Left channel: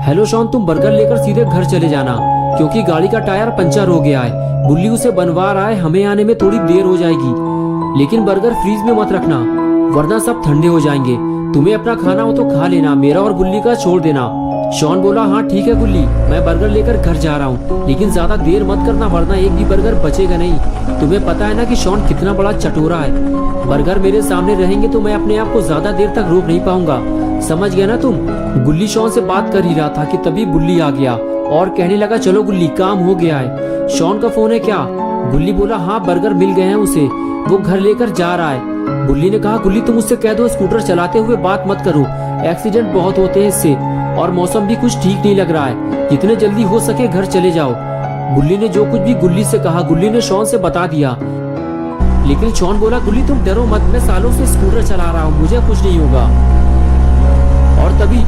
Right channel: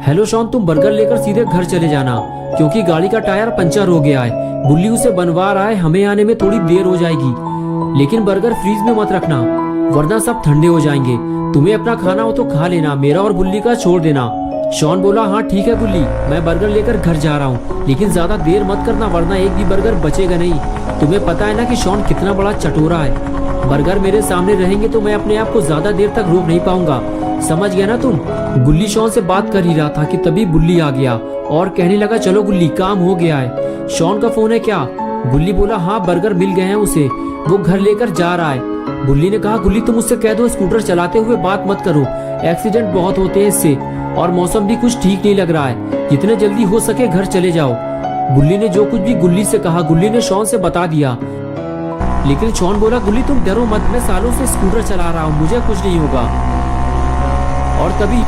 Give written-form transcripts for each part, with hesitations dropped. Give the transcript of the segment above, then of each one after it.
Hello Shawn, तुम burger लेकर सीधे घर चले जाना क्योंकि गाड़ी का टायर पंचर हो गया है। बुल्ली उसे बनवा रहा है, हमें आने में थोड़ी देर हो जाएगी। लेकिन बर्गर फ्रीज में मत रखना वरना सब ठंडे हो जाएंगे। तुम्हें अपना खाना हो तो खा लेना, मेरा और बुल्ली का छोड़ देना। शॉन बोला, हाँ ठीक है बुल्ली, मैं बर्गर लेकर घर जा रहा हूँ, लेकिन ज्यादा देर मत करना वरना एक भी बर्गर बचेगा नहीं। तुम्हें पता है ना कि शॉन कितना बड़ा चटोरा है। बर्गर मेरे सामने रहेंगे तो मैं अपने आप को ज्यादा देर तक रोक नहीं पाऊंगा, समझ गया ना तुम। गुल्ली शॉन से बात कर ही रहा था कि तभी बुल्ली आ गया और कहने लगा, चलो गुल्ली काम हो गया है। शॉन का फोन है क्या? गुल्ली बोला, हाँ बर्गर मिल गए हैं उसे, वो घर लेकर जा रहा है। बुल्ली ने कहा, गुल्ली तुम उससे कह दो स्कूटर चलाते हुए बात मत करो, एक्सीडेंट बहुत होते हैं इससे, और मौसम भी कुछ ठीक नहीं लग रहा है, जितने जल्दी हो सके घर चले जाओ। बुल्ली ने जो कुछ भी गुल्ली से कहा गुल्ली ने शॉन से बता दिया। लेकिन शॉन बोला, गुल्ली तुम डरो मत, मैं सालों से स्कूटर चला रहा हूँ, मुझे कुछ नहीं होगा। और तभी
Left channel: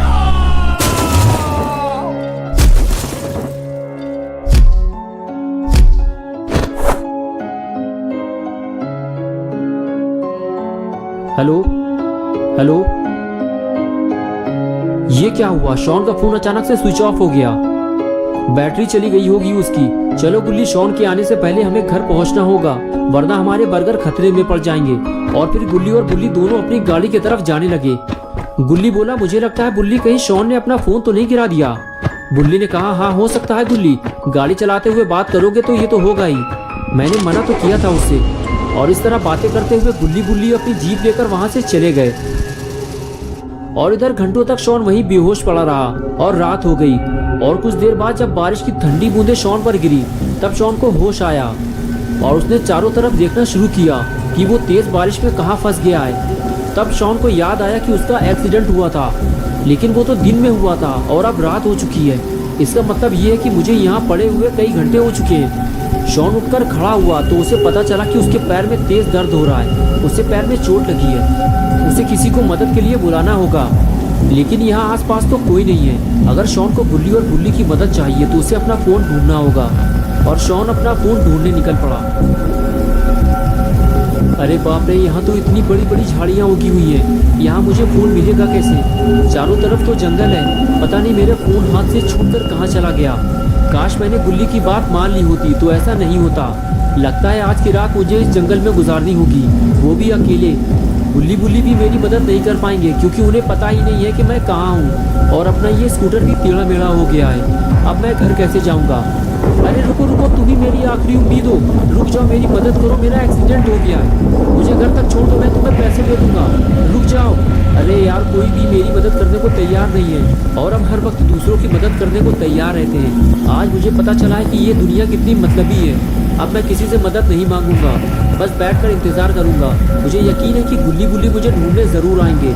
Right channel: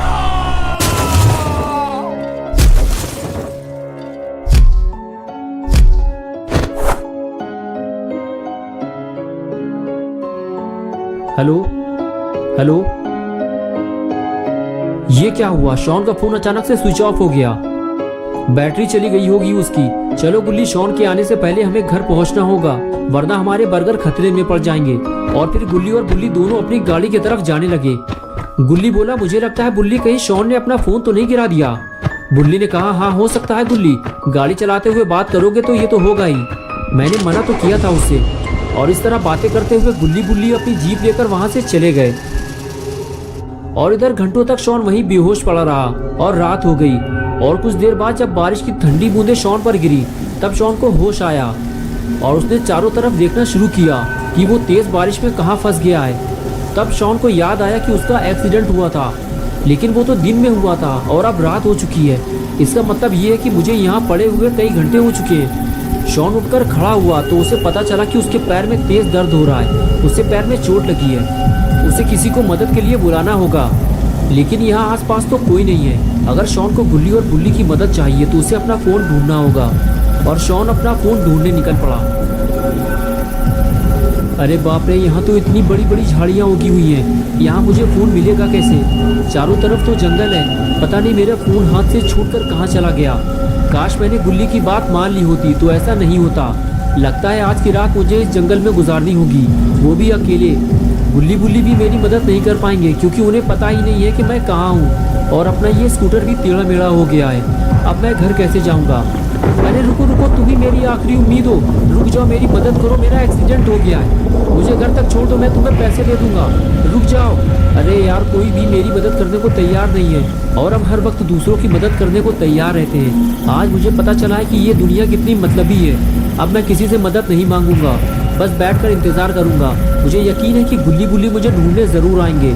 हेलो हेलो, ये क्या हुआ? शॉन का फोन अचानक से स्विच ऑफ हो गया, बैटरी चली गई होगी उसकी। चलो गुल्ली, शॉन के आने से पहले हमें घर पहुंचना होगा वरना हमारे बर्गर खतरे में पड़ जाएंगे। और फिर गुल्ली और बुल्ली दोनों अपनी गाड़ी की तरफ जाने लगे। गुल्ली बोला, मुझे लगता है बुल्ली कहीं शॉन ने अपना फोन तो नहीं गिरा दिया। बुल्ली ने कहा, हाँ हो सकता है गुल्ली, गाड़ी चलाते हुए बात करोगे तो ये तो होगा ही, मैंने मना तो किया था उससे। और इस तरह बातें करते हुए गुल्ली बुल्ली अपनी जीप लेकर वहां से चले गए। और इधर घंटों तक शॉन वहीं बेहोश पड़ा रहा और रात हो गई। और कुछ देर बाद जब बारिश की ठंडी बूंदें शॉन पर गिरी तब शॉन को होश आया और उसने चारों तरफ देखना शुरू किया कि वो तेज बारिश में कहाँ फंस गया है। तब शॉन को याद आया कि उसका एक्सीडेंट हुआ था, लेकिन वो तो दिन में हुआ था और अब रात हो चुकी है। इसका मतलब ये है कि मुझे यहाँ पड़े हुए कई घंटे हो चुके हैं। शॉन उठकर खड़ा हुआ तो उसे पता चला कि उसके पैर में तेज दर्द हो रहा है, उसे पैर में चोट लगी है, उसे किसी को मदद के लिए बुलाना होगा। लेकिन यहाँ आसपास तो कोई नहीं है। अगर शॉन को गुल्ली और बुल्ली की मदद चाहिए तो उसे अपना फोन ढूंढना होगा। और शॉन अपना फोन ढूंढने निकल पड़ा। अरे बाप रे, यहाँ तो इतनी बड़ी बड़ी झाड़ियाँ उगी हुई हैं, यहाँ मुझे फोन मिलेगा कैसे? चारों तरफ तो जंगल है, पता नहीं मेरा फोन हाथ से छूटकर कहाँ चला गया। काश मैंने गुल्ली की बात मान ली होती तो ऐसा नहीं होता। लगता है आज की रात मुझे इस जंगल में गुजारनी होगी, वो भी अकेले। गुल्ली बुल्ली भी मेरी मदद नहीं कर पाएंगे क्योंकि उन्हें पता ही नहीं है कि मैं कहाँ हूँ। और अपना ये स्कूटर भी टेढ़ा मेढ़ा हो गया है, अब मैं घर कैसे जाऊँगा? अरे रुको रुको, तुम ही मेरी आखिरी उम्मीद हो, रुक जाओ, मेरी मदद करो, मेरा एक्सीडेंट हो गया है, मुझे घर तक छोड़ दो, मैं तुम्हें पैसे दे दूंगा, रुक जाओ। अरे यार, कोई भी मेरी मदद करने को तैयार नहीं है और अब हर वक्त दूसरों की मदद करने को तैयार रहते हैं। आज मुझे पता चला है कि ये दुनिया कितनी मतलबी है। अब मैं किसी से मदद नहीं मांगूंगा, बस बैठकर इंतजार करूंगा। मुझे यकीन है कि गुल्ली बुल्ली मुझे ढूंढने जरूर आएंगे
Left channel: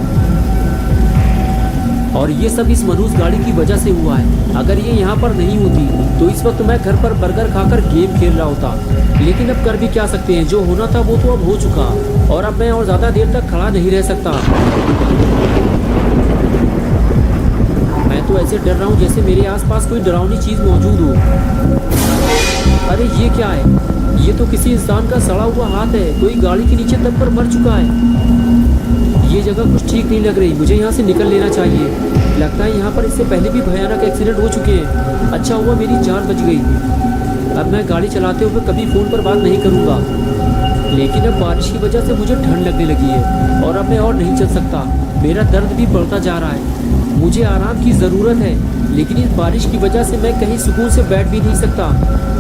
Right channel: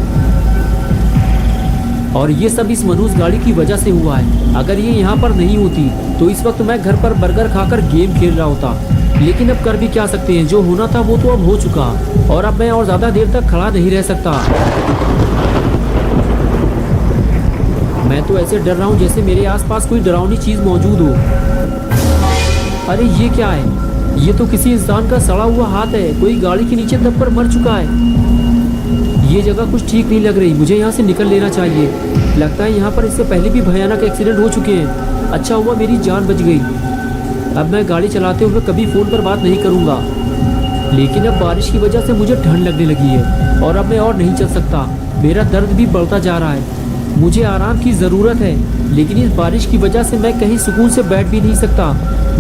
और ये सब इस मनहूस गाड़ी की वजह से हुआ है। अगर ये यहाँ पर नहीं होती तो इस वक्त मैं घर पर बर्गर खाकर गेम खेल रहा होता। लेकिन अब कर भी क्या सकते हैं, जो होना था वो तो अब हो चुका और अब मैं और ज्यादा देर तक खड़ा नहीं रह सकता। मैं तो ऐसे डर रहा हूँ जैसे मेरे आसपास कोई डरावनी चीज मौजूद हो। अरे ये क्या है? ये तो किसी इंसान का सड़ा हुआ हाथ है, कोई गाड़ी के नीचे दबकर मर चुका है। ये जगह कुछ ठीक नहीं लग रही, मुझे यहाँ से निकल लेना चाहिए। लगता है यहाँ पर इससे पहले भी भयानक एक्सीडेंट हो चुके हैं। अच्छा हुआ मेरी जान बच गई। अब मैं गाड़ी चलाते हुए कभी फ़ोन पर बात नहीं करूँगा। लेकिन अब बारिश की वजह से मुझे ठंड लगने लगी है और अब मैं और नहीं चल सकता। मेरा दर्द भी बढ़ता जा रहा है, मुझे आराम की ज़रूरत है। लेकिन इस बारिश की वजह से मैं कहीं सुकून से बैठ भी नहीं सकता।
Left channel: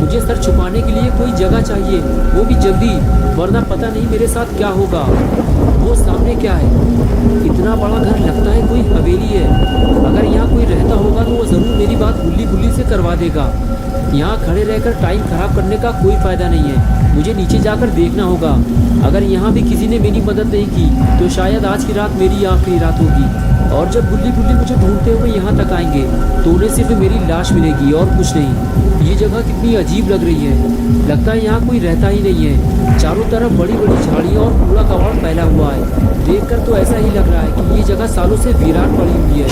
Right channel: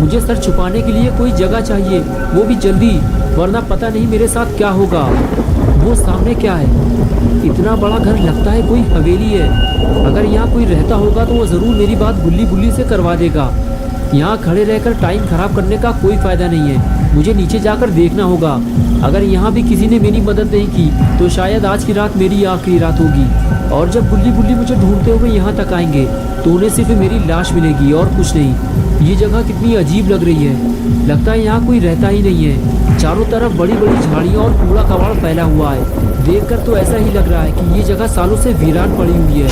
मुझे सर छुपाने के लिए कोई जगह चाहिए, वो भी जल्दी, वरना पता नहीं मेरे साथ क्या होगा। वो सामने क्या है? इतना बड़ा घर, लगता है कोई हवेली है। अगर यहाँ कोई रहता होगा तो वो ज़रूर मेरी बात गुल्ली बुल्ली से करवा देगा। यहाँ खड़े रहकर टाइम खराब करने का कोई फ़ायदा नहीं है, मुझे नीचे जाकर देखना होगा। अगर यहाँ भी किसी ने मेरी मदद नहीं की तो शायद आज की रात मेरी आखिरी रात होगी। और जब गुल्ली बुल्ली मुझे ढूंढते हुए यहाँ तक आएंगे तो उन्हें सिर्फ मेरी लाश मिलेगी और कुछ नहीं। ये जगह कितनी अजीब लग रही है, लगता है यहाँ कोई रहता ही नहीं है। चारों तरफ बड़ी बड़ी झाड़ियाँ और कूड़ा कबाड़ फैला हुआ है। देखकर तो ऐसा ही लग रहा है कि ये जगह सालों से वीरान पड़ी हुई है।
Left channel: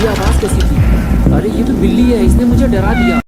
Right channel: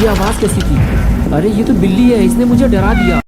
ये आवाज़ कैसी थी? अरे ये तो बिल्ली है, इसने मुझे डरा दिया।